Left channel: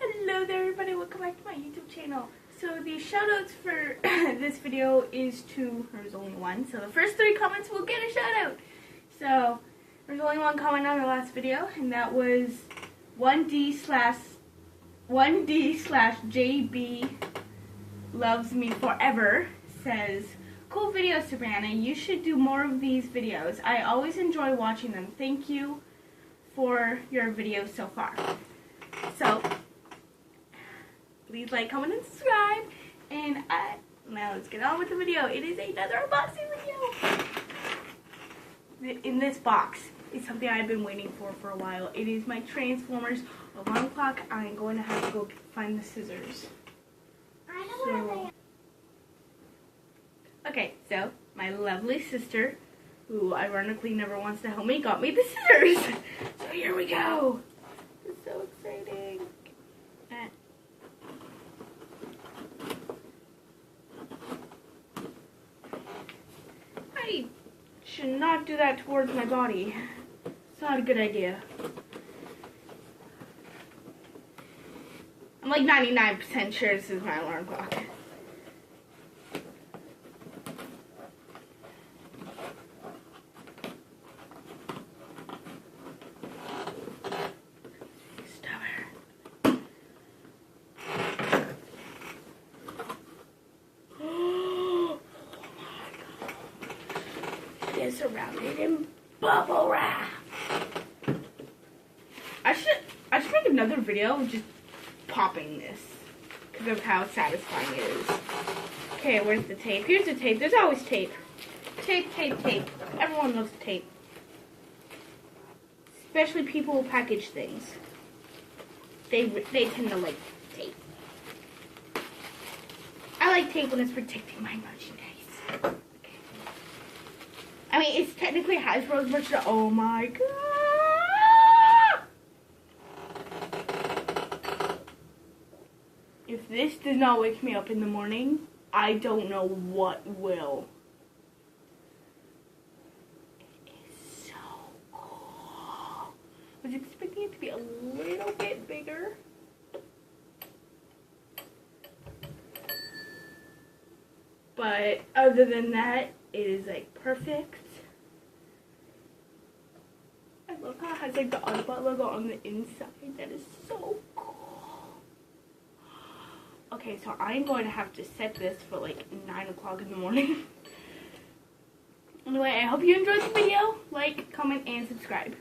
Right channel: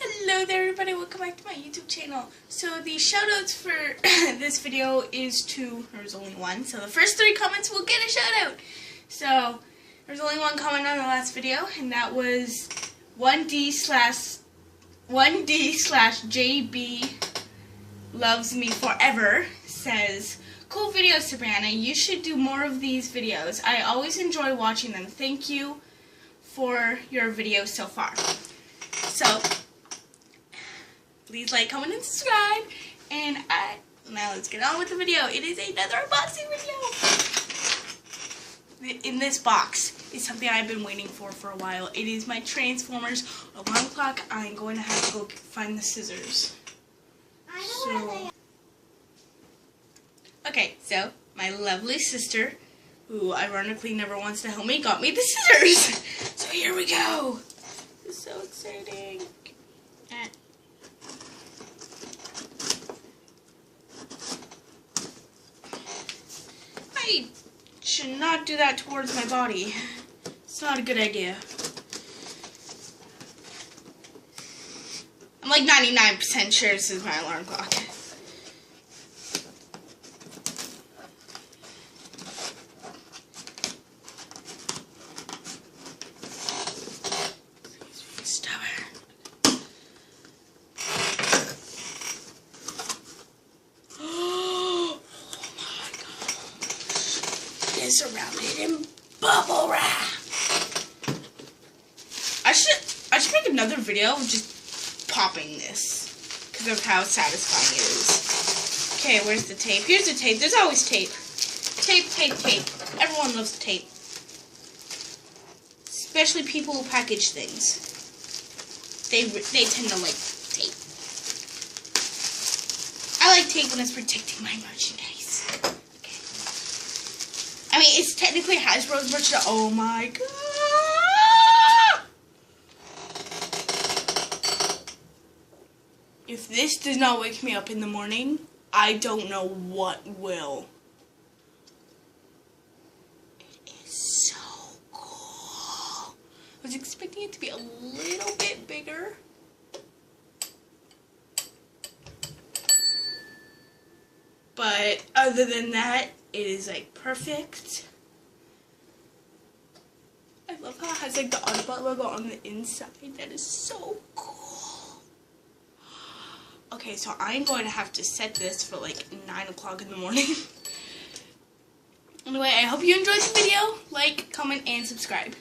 Hello there everybody, welcome back to my YouTube channel. So the shoutouts for this video is there's only one, so the first 3 comments will get a shoutout. So there's only one comment on the last video, and that was 1D/JB loves me forever says, "Cool videos, Sabrina. You should do more of these videos. I always enjoy watching them. Thank you for your videos so far." So please like, comment, and subscribe. And now let's get on with the video. It is another unboxing video. In this box is something I've been waiting for a while. It is my Transformers alarm clock. I'm going to have to go find the scissors. Okay, so my lovely sister, who ironically never wants to help me, got me the scissors. So here we go. This is so exciting. I should not do that towards my body. It's not a good idea. I'm like 99% sure this is my alarm clock. Surrounded in bubble wrap. I should make another video of just popping this because of how satisfying it is. Okay, where's the tape? Here's the tape. There's always tape. Tape, tape, tape. Everyone loves tape. Especially people who package things. They tend to like tape. I like tape when it's protecting my merchandise. I mean, it's technically Hasbro's merchandise. Oh my god! If this does not wake me up in the morning, I don't know what will. It is so cool. I was expecting it to be a little bit bigger. But other than that, it is like perfect. I love how it has like the Autobot logo on the inside. That is so cool. Okay, so I'm going to have to set this for like 9 o'clock in the morning. Anyway, I hope you enjoyed the video. Like, comment, and subscribe.